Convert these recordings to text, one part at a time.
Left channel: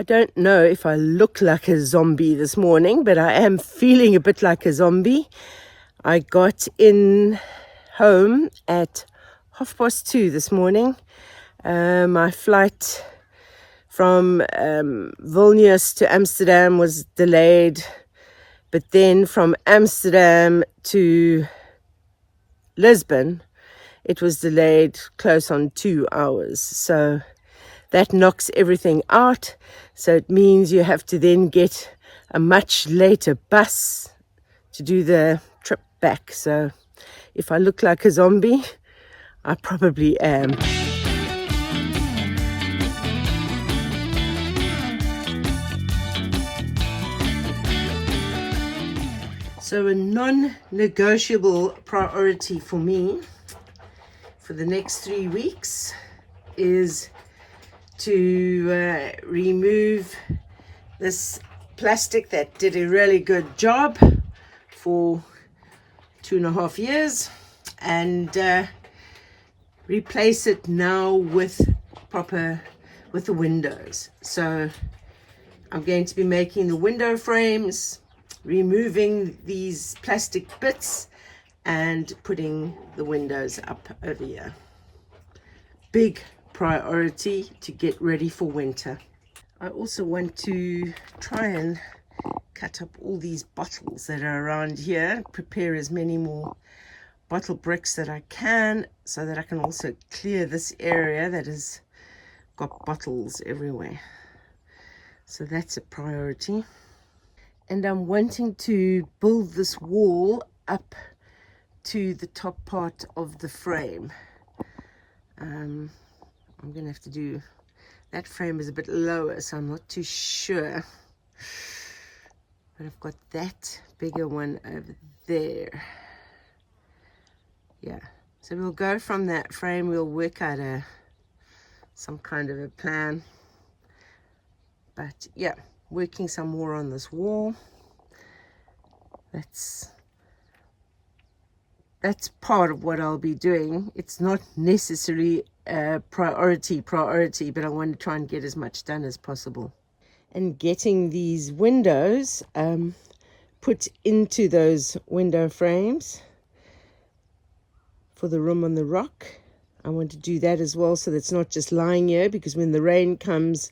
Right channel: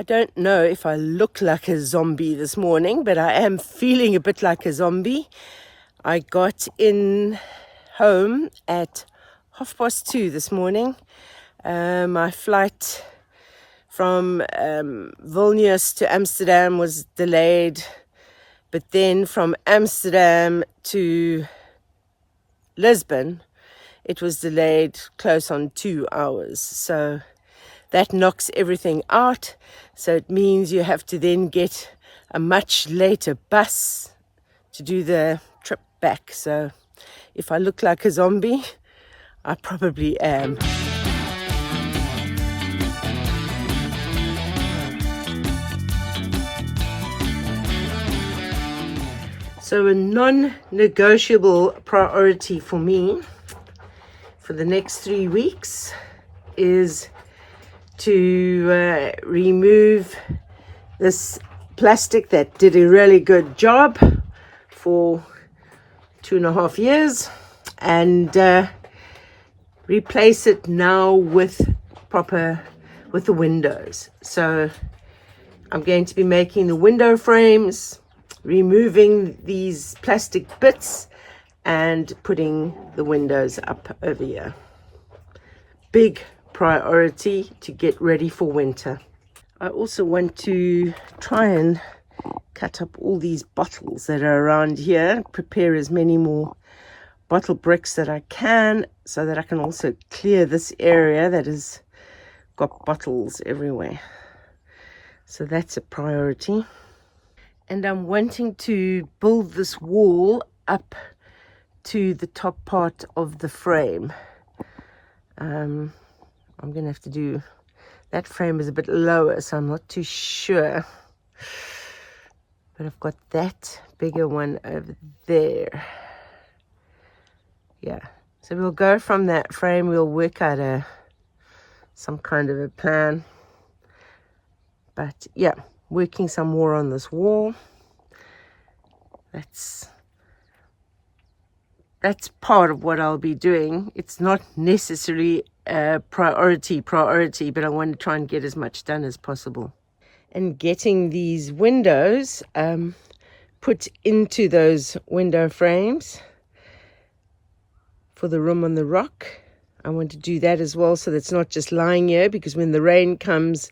I don't know if I look like a zombie this morning, but I am feeling a bit like a zombie. I got in home at 2:30 this morning. My flight from Vilnius to Amsterdam was delayed, but then from Amsterdam to Lisbon, it was delayed close on 2 hours. So that knocks everything out. So it means you have to then get a much later bus to do the trip back. So if I look like a zombie, I probably am. So a non-negotiable priority for me for the next 3 weeks is to remove this plastic that did a really good job for 2.5 years and replace it now with the windows. So I'm going to be making the window frames, removing these plastic bits and putting the windows up over here. Big priority to get ready for winter. I also want to try and cut up all these bottles that are around here, prepare as many more bottle bricks that I can, so that I can also clear this area that has got bottles everywhere. So that's a priority. And I'm wanting to build this wall up to the top part of the frame. I'm going to have to do, that frame is a bit lower, so I'm not too sure. But I've got that bigger one over there. Yeah, so we'll go from that frame, we'll work out some kind of a plan. But yeah, working some more on this wall. That's part of what I'll be doing. It's not necessarily a priority, but I want to try and get as much done as possible. And getting these windows put into those window frames for the room on the rock. I want to do that as well, so that's not just lying here, because when the rain comes,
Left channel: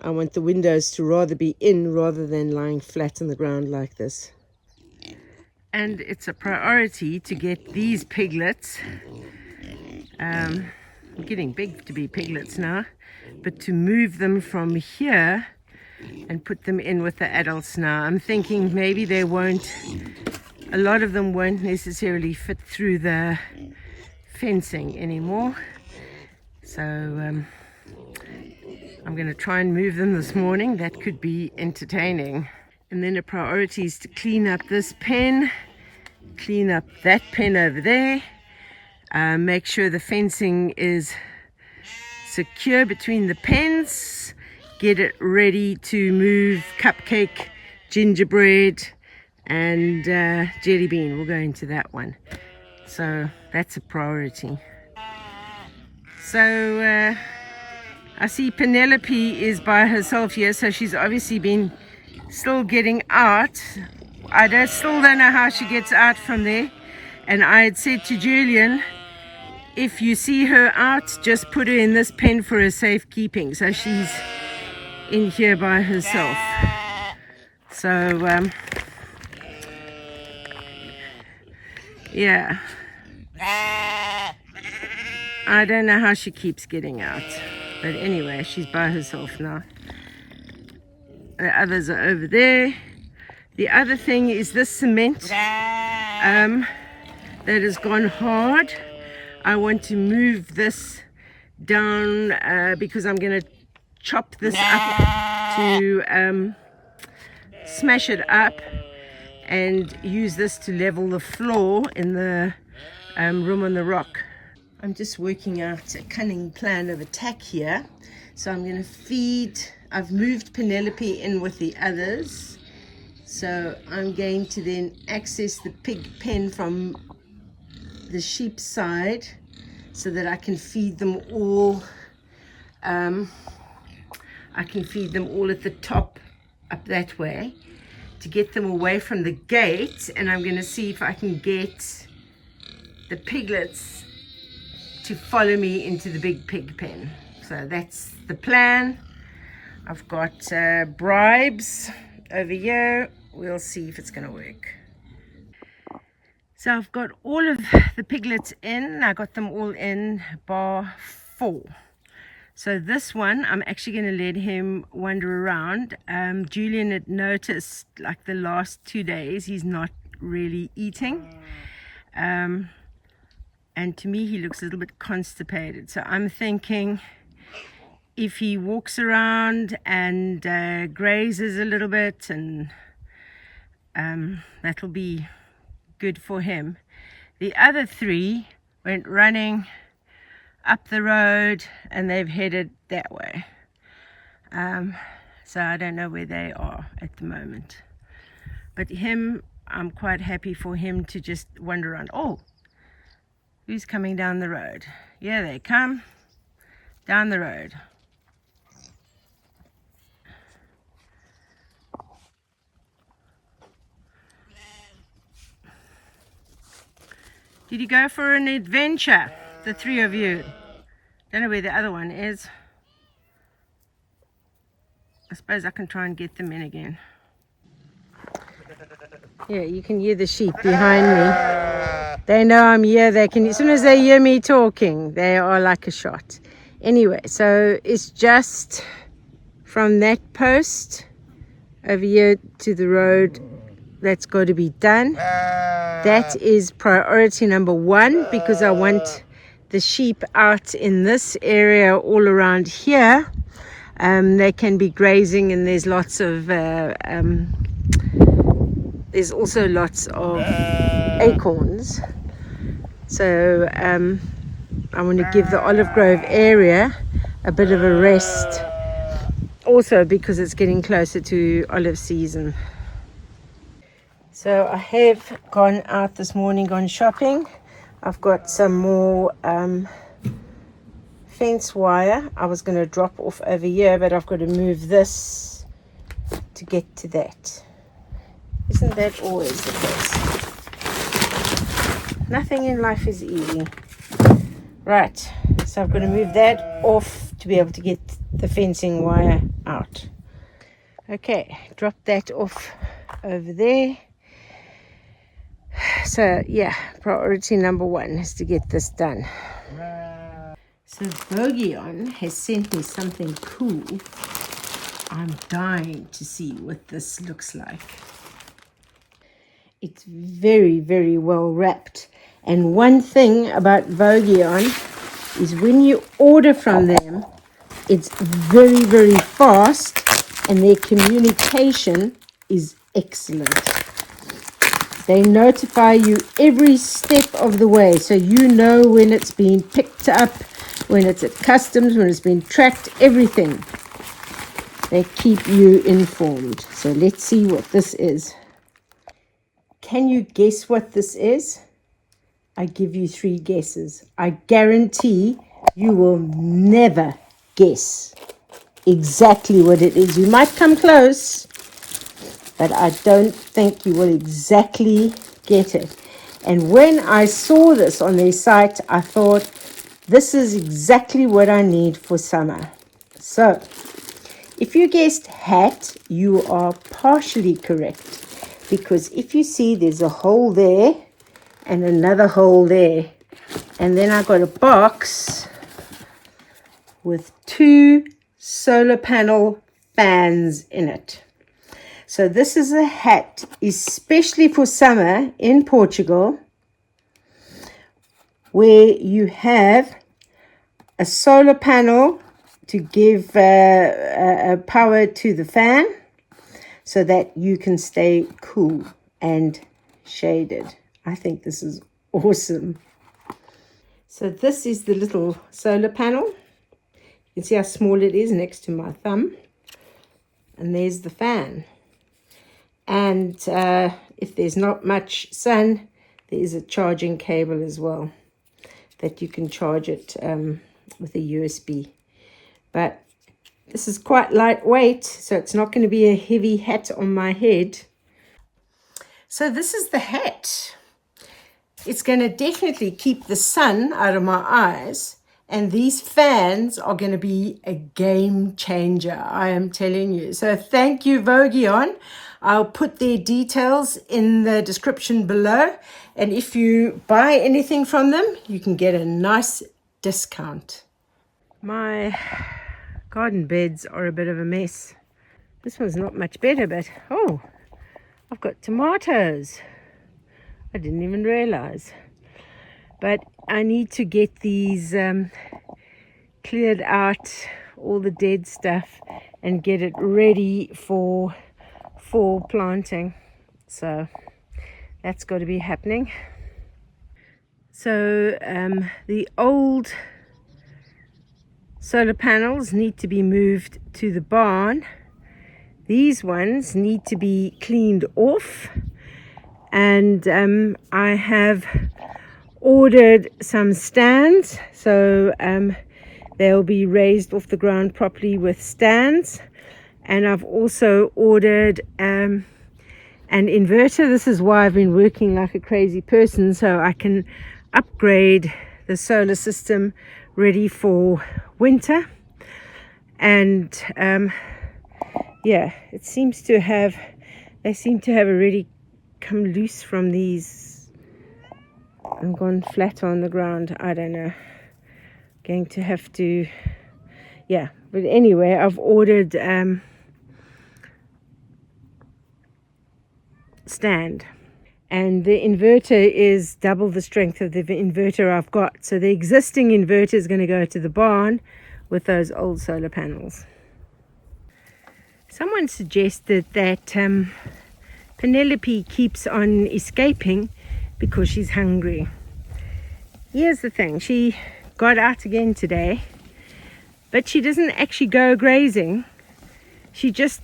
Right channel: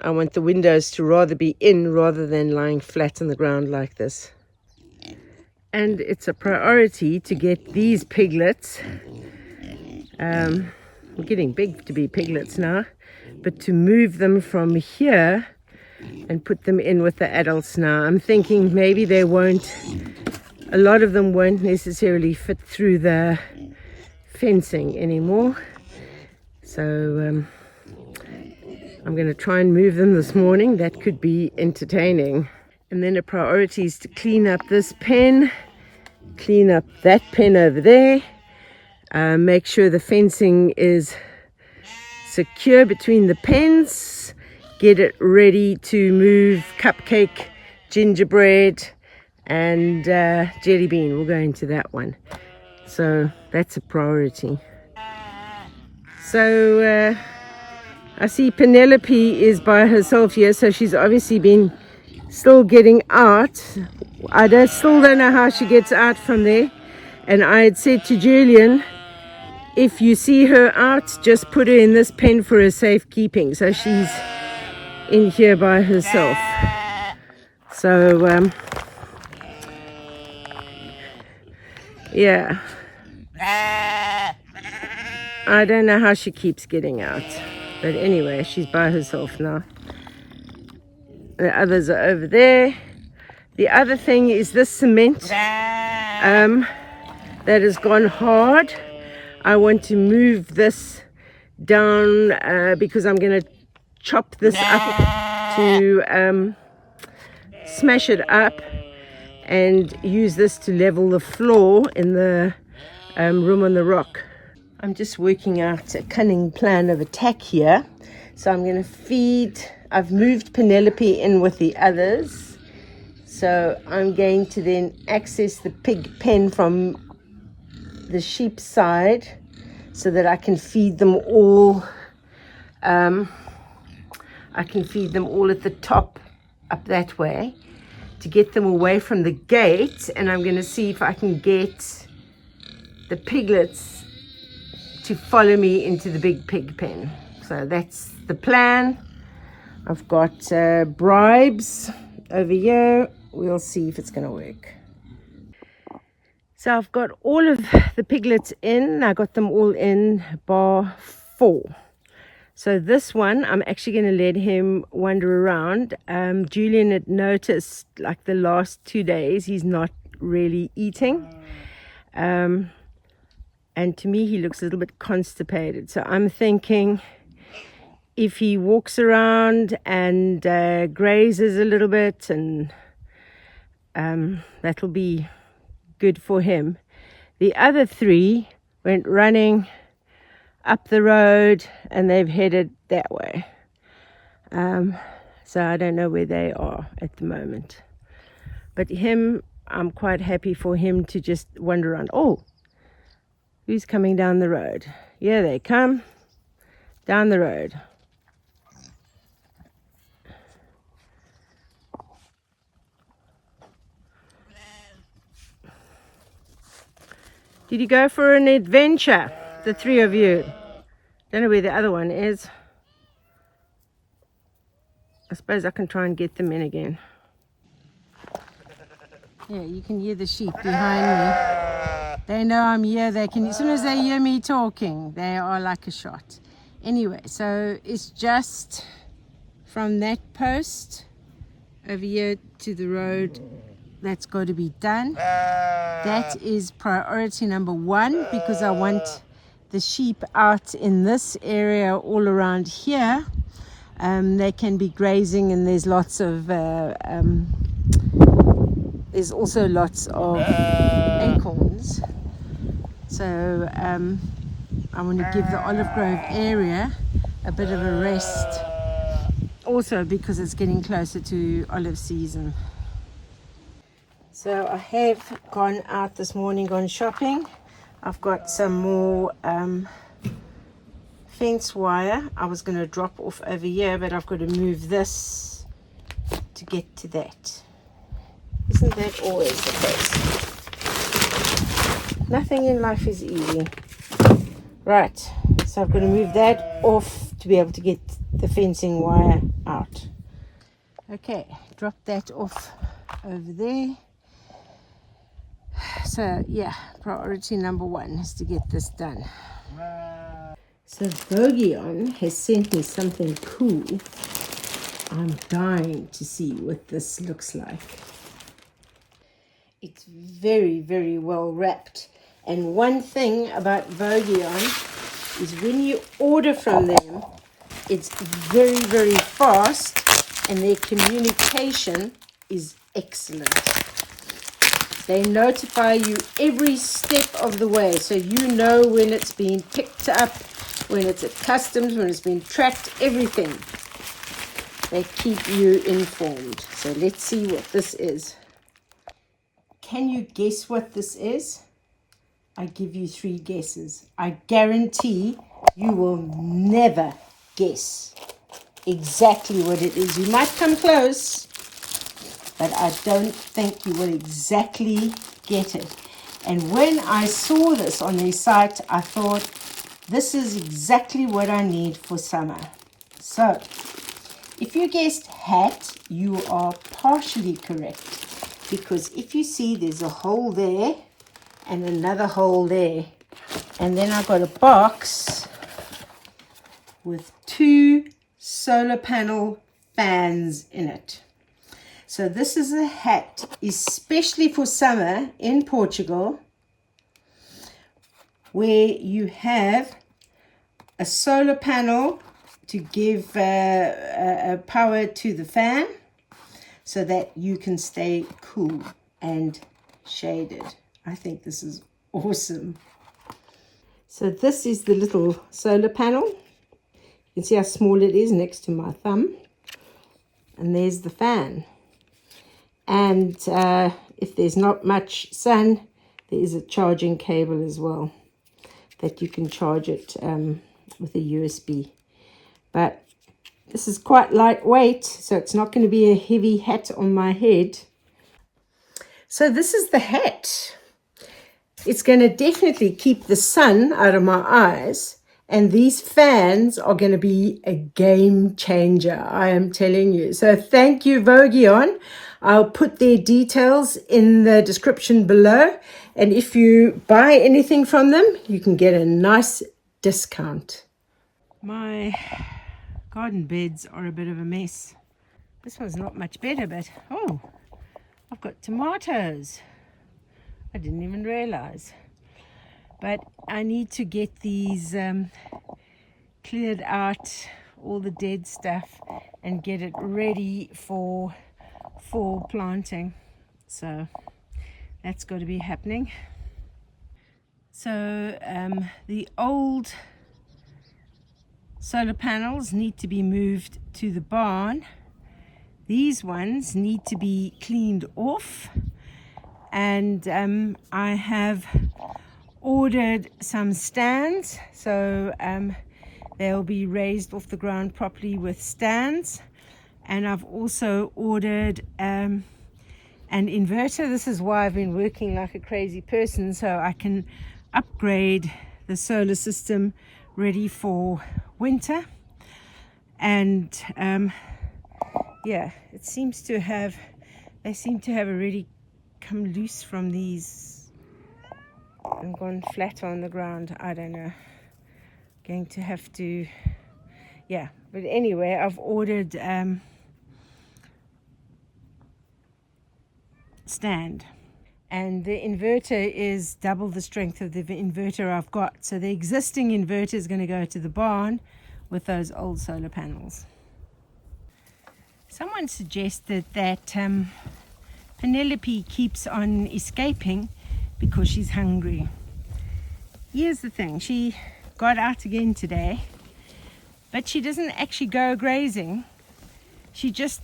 I want the windows to rather be in rather than lying flat on the ground like this. And it's a priority to get these piglets, they're getting big to be piglets now, but to move them from here and put them in with the adults now. I'm thinking maybe a lot of them won't necessarily fit through the fencing anymore. So I'm going to try and move them this morning. That could be entertaining. And then a priority is to clean up this pen, clean up that pen over there, make sure the fencing is secure between the pens, get it ready to move cupcake, gingerbread and jelly bean. We'll go into that one. So that's a priority. So I see Penelope is by herself here, so she's obviously been still getting out. I still don't know how she gets out from there. And I had said to Julian, if you see her out, just put her in this pen for her safekeeping. So she's in here by herself. So yeah, I don't know how she keeps getting out, but anyway, she's by herself now. The others are over there. The other thing is this cement that has gone hard. I want to move this down because I'm going to chop this up to smash it up and use this to level the floor in the room on the rock. I'm just working out a cunning plan of attack here. So I'm going to feed, I've moved Penelope in with the others. So I'm going to then access the pig pen from the sheep side so that I can feed them all I can feed them all at the top up that way to get them away from the gate. And I'm going to see if I can get the piglets to follow me into the big pig pen. So that's the plan. I've got bribes over here. We'll see if it's going to work. So I've got all of the piglets in. I got them all in bar 4. So this one, I'm actually going to let him wander around. Julian had noticed, like the last 2 days, he's not really eating. And to me, he looks a little bit constipated. So I'm thinking if he walks around and grazes a little bit, and that'll be good for him. The other 3 went running up the road and they've headed that way. So I don't know where they are at the moment. But him, I'm quite happy for him to just wander around. Oh, who's coming down the road? Yeah, they come down the road. Did you go for an adventure, the 3 of you? Don't know where the other one is. I suppose I can try and get them in again. Yeah, you can hear the sheep behind me. They know I'm here. They can, as soon as they hear me talking, they are like a shot. Anyway, so it's just from that post over here to the road that's got to be done. That is priority number 1, because I want the sheep out in this area all around here. They can be grazing, and there's lots of there's also lots of acorns. So I want to give the olive grove area a bit of a rest, also because it's getting closer to olive season. So I have gone out this morning, gone shopping. I've got some more fence wire I was going to drop off over here, but I've got to move this to get to that. Isn't that always the case? Nothing in life is easy. Right, so I've got to move that off to be able to get the fencing wire out. Okay, drop that off over there. So yeah, priority number 1 is to get this done. So Voghion has sent me something cool. I'm dying to see what this looks like. It's very, very well wrapped. And one thing about Voghion is when you order from them, it's very, very fast, and their communication is excellent. They notify you every step of the way, so you know when it's being picked up, when it's at customs, when it's been tracked, everything. They keep you informed. So let's see what this is. Can you guess what this is? I give you 3 guesses. I guarantee you will never guess exactly what it is. You might come close, but I don't think you will exactly get it. And when I saw this on their site, I thought, this is exactly what I need for summer. So, if you guessed hat, you are partially correct. Because if you see, there's a hole there and another hole there. And then I got a box with 2 solar panel fans in it. So this is a hat, especially for summer in Portugal, where you have a solar panel to give power to the fan so that you can stay cool and shaded. I think this is awesome. So this is the little solar panel. You can see how small it is next to my thumb. And there's the fan. And if there's not much sun, there is a charging cable as well that you can charge it with a USB. But This is quite lightweight, so it's not going to be a heavy hat on my head. So this is the hat. It's going to definitely keep the sun out of my eyes. And these fans are going to be a game changer, I am telling you. So thank you, Voghion. I'll put their details in the description below. And if you buy anything from them, you can get a nice discount. My garden beds are a bit of a mess. This one's not much better, but oh, I've got tomatoes. I didn't even realize. But I need to get these cleared out, all the dead stuff, and get it ready for fall planting. So that's got to be happening. So the old solar panels need to be moved to the barn. These ones need to be cleaned off, and I have ordered some stands, so they'll be raised off the ground properly with stands. And I've also ordered an inverter. This is why I've been working like a crazy person, so I can upgrade the solar system ready for winter. And yeah, it seems to have, they seem to have already come loose from these and gone flat on the ground. I don't know, going to have to, yeah, but anyway, I've ordered stand, and the inverter is double the strength of the inverter I've got. So the existing inverter is going to go to the barn with those old solar panels. Someone suggested that Penelope keeps on escaping because she's hungry. Here's the thing, she got out again today, but she doesn't actually go grazing. She just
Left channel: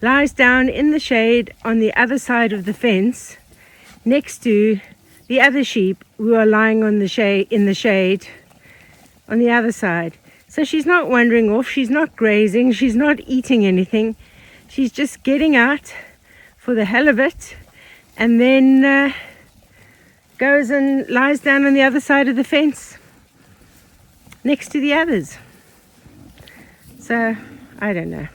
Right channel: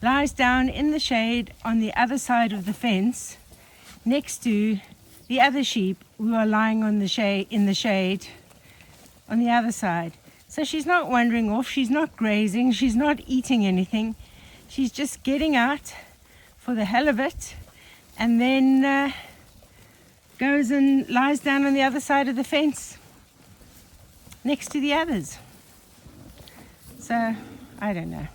lies down in the shade on the other side of the fence next to the other sheep who are lying on the shade, in the shade on the other side. So she's not wandering off, she's not grazing, she's not eating anything. She's just getting out for the hell of it, and then goes and lies down on the other side of the fence next to the others. So I don't know.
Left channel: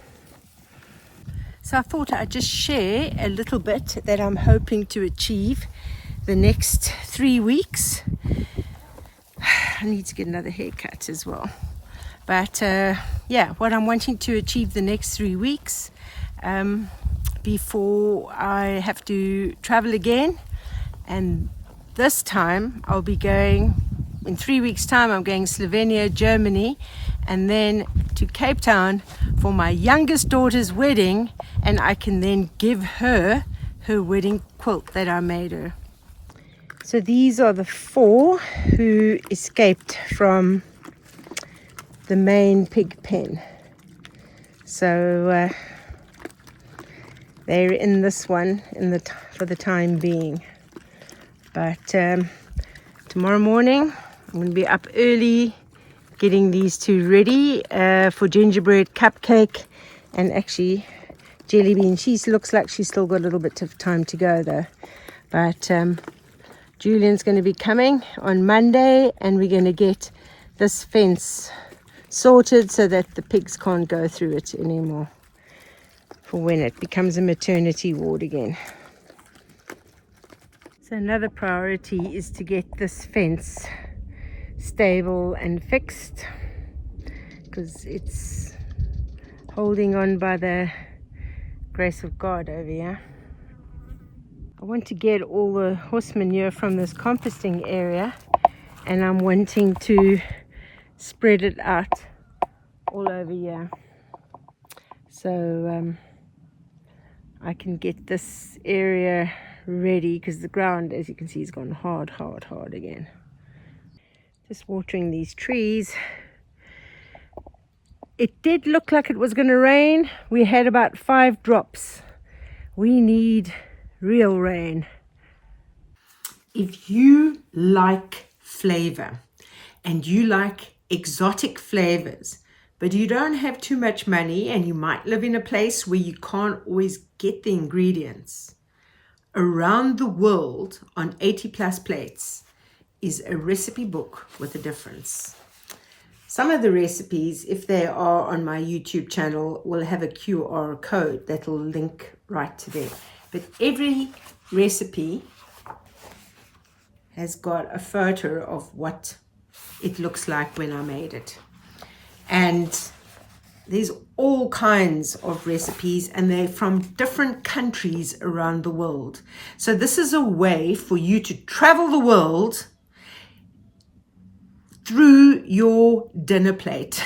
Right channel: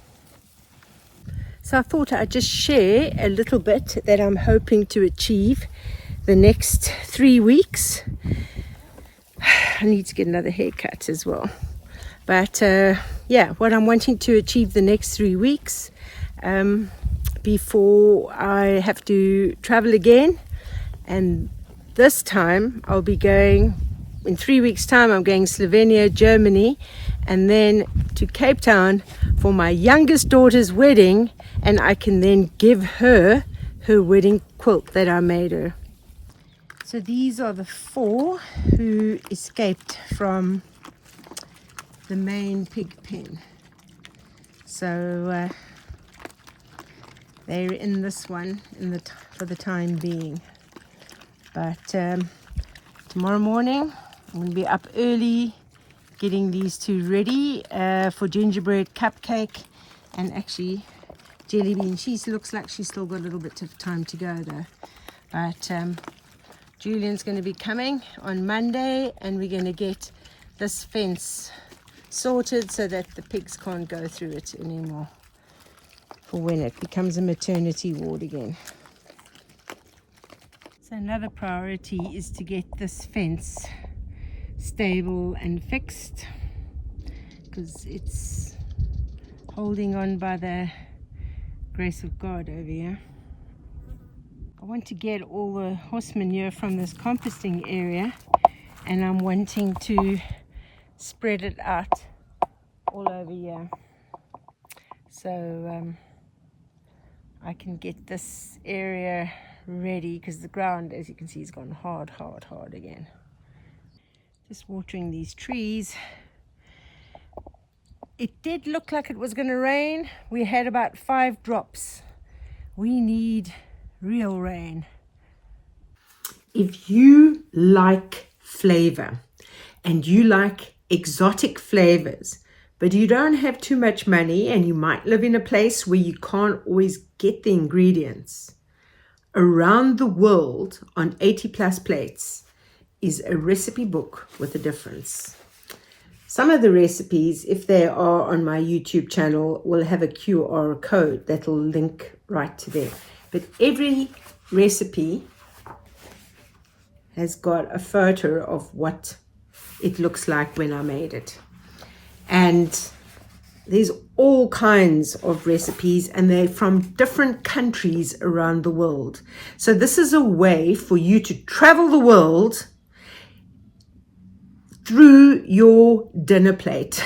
So I thought I'd just share a little bit that I'm hoping to achieve the next 3 weeks. I need to get another haircut as well. But yeah, what I'm wanting to achieve the next 3 weeks before I have to travel again. And this time I'll be going, in 3 weeks time, I'm going Slovenia, Germany, and then to Cape Town for my youngest daughter's wedding, and I can then give her her wedding quilt that I made her. So these are the 4 who escaped from the main pig pen. So they're in this one for the time being. But tomorrow morning I'm going to be up early getting these 2 ready for gingerbread cupcake and actually jelly bean. She looks like she's still got a little bit of time to go though. But Julian's going to be coming on Monday, and we're going to get this fence sorted so that the pigs can't go through it anymore for when it becomes a maternity ward again. So another priority is to get this fence stable and fixed, because it's holding on by the grace of God over here. I want to get all the horse manure from this composting area, and I'm wanting to spread it out all over here, so I can get this area ready, because the ground, as you can see, has gone hard again. Just watering these trees. It did look like it was going to rain. We had about 5 drops. We need real rain. If you like flavor and you like exotic flavors, but you don't have too much money and you might live in a place where you can't always get the ingredients, Around the World on 80 Plus Plates is a recipe book with a difference. Some of the recipes, if they are on my YouTube channel, will have a QR code that'll link right to them. But every recipe has got a photo of what it looks like when I made it. And there's all kinds of recipes, and they're from different countries around the world. So this is a way for you to travel the world through your dinner plate.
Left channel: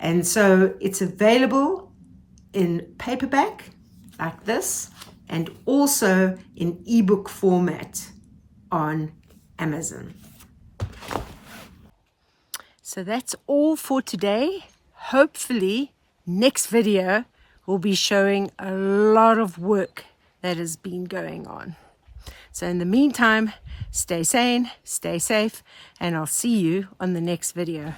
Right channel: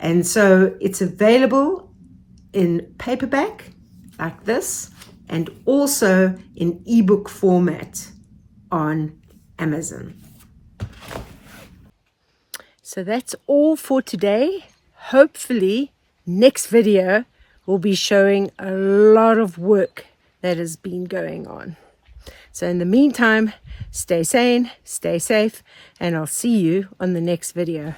And so it's available in paperback like this, and also in ebook format on Amazon. So that's all for today. Hopefully next video will be showing a lot of work that has been going on. So in the meantime, stay sane, stay safe, and I'll see you on the next video.